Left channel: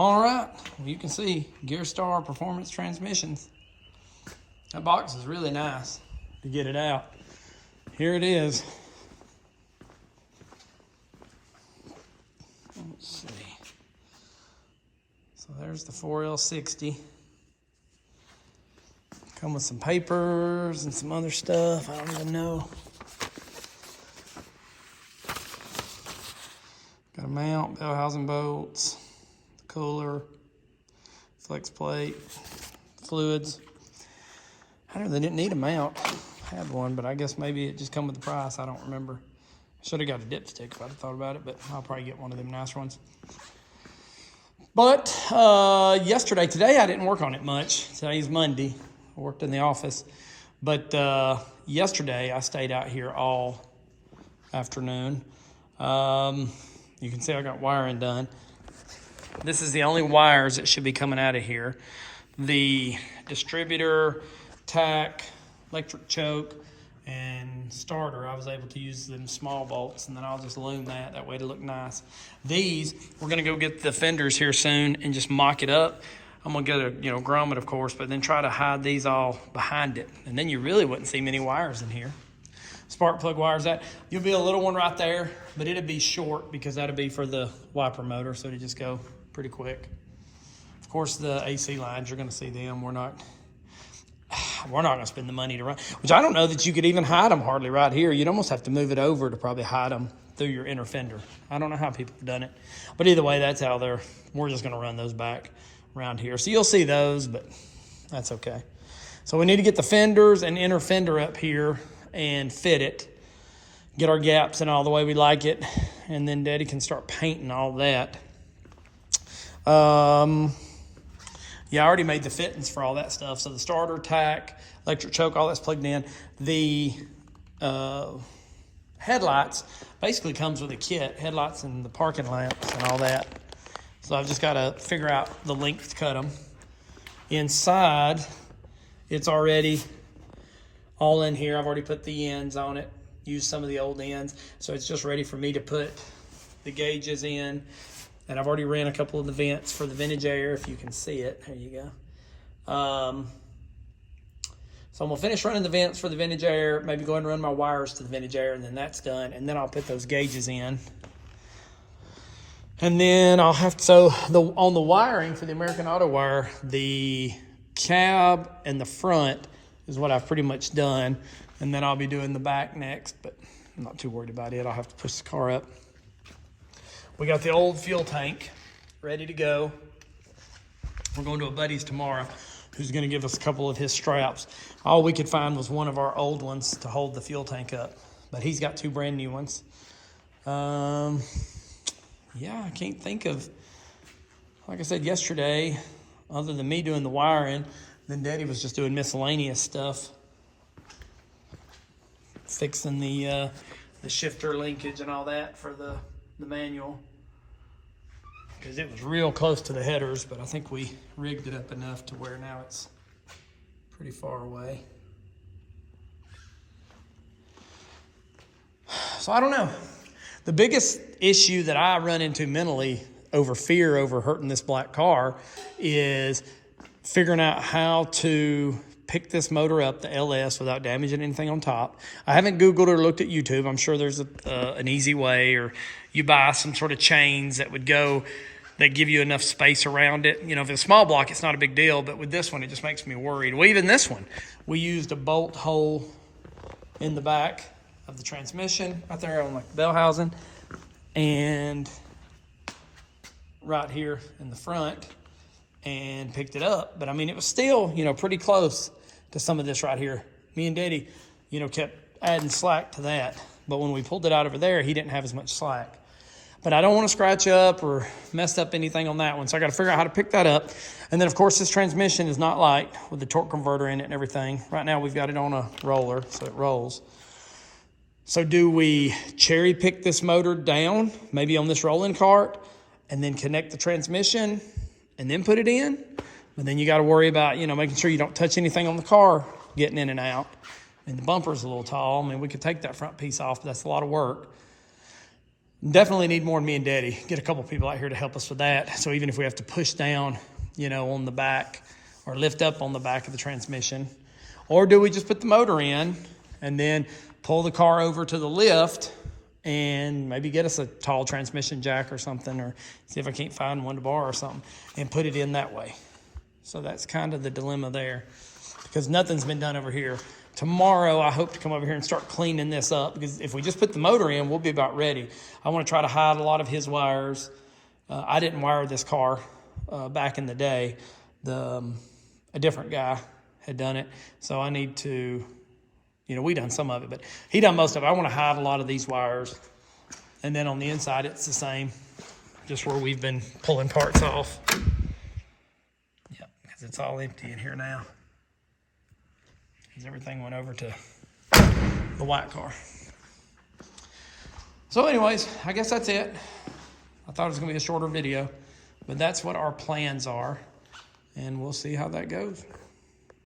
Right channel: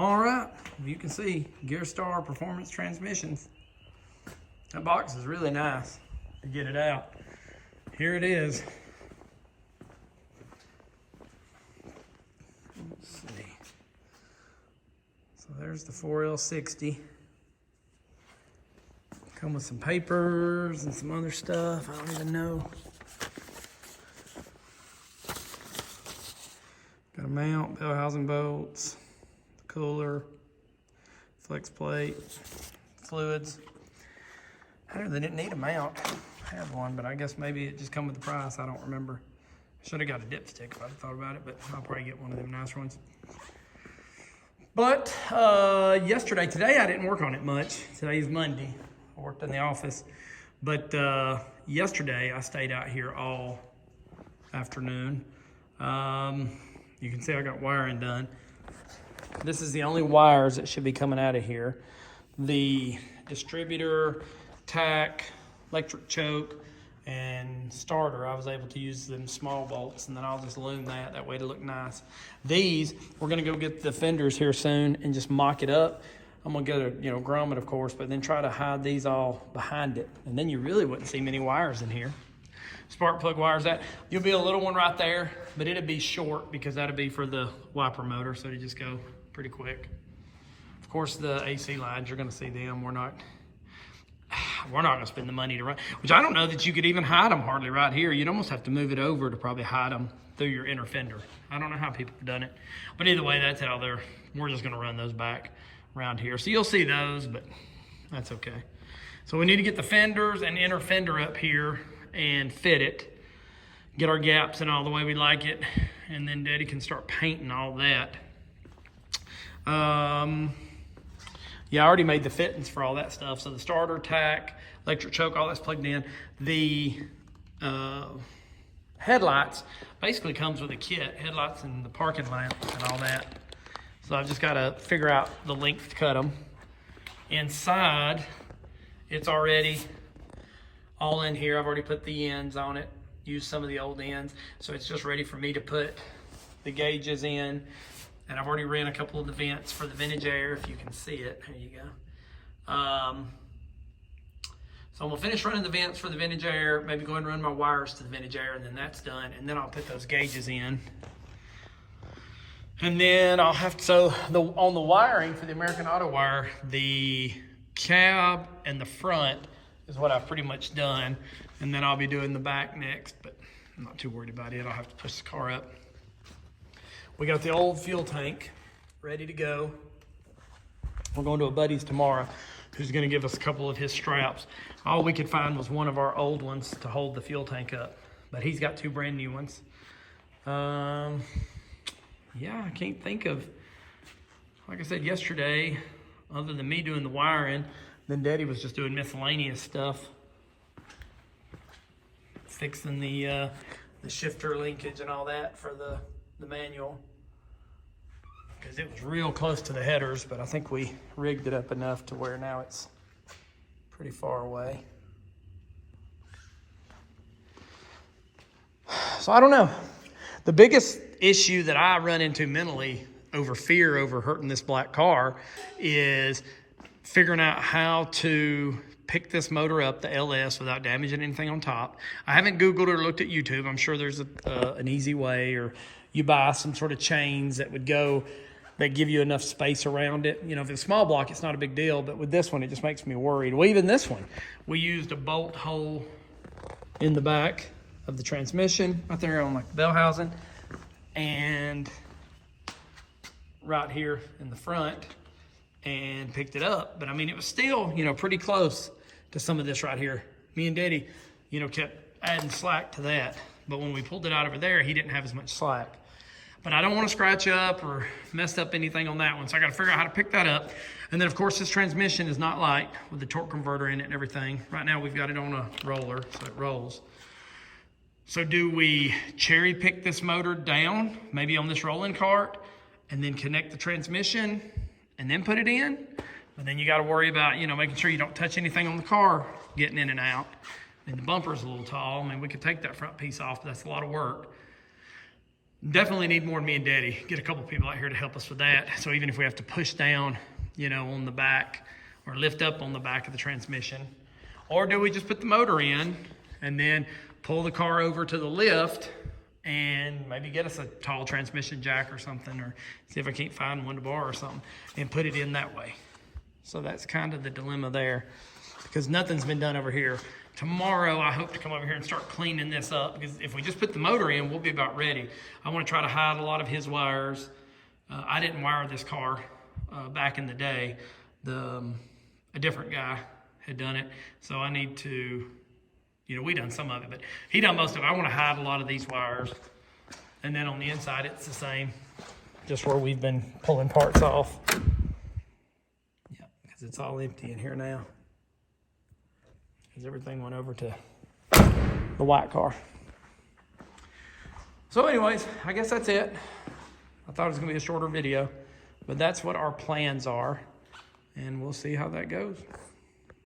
All right, well, you can see Gearstar Performance Transmissions. That box is really nice to get it out. Here it is. Let's see. So there's the 4L60. Come with some papers and some other stuff. I don't even know. Got a mount, bell housing bolts, cooler, flex plate, fluids. I don't know, they didn't need a mount. I had one, but I guess maybe it just come with the price. I don't remember. Should have got a dipstick if I'd thought about it, but I'll probably get one of them nicer ones. But today I didn't work on it much. Today's Monday. I worked in the office. But yesterday I stayed out here all afternoon. You can see I got wiring done. This is the only wires that should be coming out of here. The distributor, tack, electric choke, and starter, I was able to use them small bolts, and then I'll just loom that way to look nice. These, we're gonna go get the fenders here soon and just mock it up. I'm gonna get a, grommet, of course, but then try to hide these all behind it. And then you really wouldn't see many wires in here. Spark plug wires, you'll be a little one right there, but it'll be short because that'll be for the wiper motor, so it'll just go pretty quick. Of course, the AC lines, you're gonna see them. We're not gonna spend the money to run, which I don't know that you could even hide them hardly right here. You'd almost have to move it over to probably hide them through your inner fender. I don't know how people have done it, but either way, that's how we're just gonna run those back around here. So you'll see those, but that's okay. So we need to get the fenders and inner fender up here and fit it, get our gaps in all the way we like it, and then Daddy can start painting all that. Yeah, I already made the fittings for all that stuff. So the starter, tack, electric choke, all that's plugged in. The headlights basically comes with a kit, headlights and the parking lamps and all that. So I've just got to figure out the length to cut them. Inside, it's already all in here. I've already put the ends on it, used some of the old ends. So it's just ready for me to put the gauges in. And I've already ran a couple of the vents for the vintage air, if you can see it. There you go. So I'm gonna finish running the vents for the vintage air, maybe go ahead and run my wires to the vintage air, and then that's done. And then I'll put those gauges in. And then I'll have to, on the wiring for the American Autowire, the cab and the front is what I've pretty much done. And then I'll be doing the back next, but I'm not too worried about it. I'll have to push the car up. We got the old fuel tank ready to go. We're going to a buddy's tomorrow who's gonna give us a couple of his straps. All we could find was one of our old ones to hold the fuel tank up, but he's got 2 brand new ones. Yeah, I can't think of, like I said yesterday, other than me doing the wiring, then Daddy was just doing miscellaneous stuff. Fixing the shifter linkage and all that for the manual. Because it was real close to the headers, but I think we rigged it up enough to where now it's pretty far away. So I don't know. The biggest issue that I run into mentally over fear over hurting this black car is figuring out how to pick this motor up, the LS, without damaging anything on top. I haven't Googled or looked at YouTube. I'm sure there's an easy way, or you buy some sort of chains that give you enough space around it. If it's a small block, it's not a big deal, but with this one, it just makes me worried. Well, even this one, we used a bolt hole in the back of the transmission, right there on like the bell housing, and right here in the front, and picked it up. But I mean, it was still, pretty close to some of this right here. Me and Daddy, kept adding slack to that. But when we pulled it out over there, he didn't have as much slack. But I don't want to scratch up or mess up anything on that one. So I got to figure out how to pick that up. And then of course, this transmission is not light with the torque converter in it and everything. Right now we've got it on a roller, so it rolls. So do we cherry pick this motor down, maybe on this rolling cart, and then connect the transmission and then put it in? But then you got to worry about, making sure you don't touch anything on the car getting in and out. And the bumper's a little tall. I mean, we could take that front piece off, but that's a lot of work. Definitely need more me and Daddy. Get a couple people out here to help us with that. So even if we have to push down, you know, on the back or lift up on the back of the transmission, or do we just put the motor in and then pull the car over to the lift and maybe get us a tall transmission jack or something, or see if I can't find one to borrow or something and put it in that way. So that's kind of the dilemma there, because nothing's been done over here. Tomorrow, I hope to come over here and start cleaning this up, because if we just put the motor in, we'll be about ready. I want to try to hide a lot of his wires. I didn't wire this car back in the day. A different guy had done it. So I need to, you know, we done some of it, but he done most of it. I want to hide a lot of these wires. And then on the inside, it's the same, just where we've been pulling parts off. Yep, because it's all empty in here now. Because everything went over to the white car. So anyways, I guess that's it. I thought it was gonna be a shorter video, but that's what our plans are, and we'll see how that goes.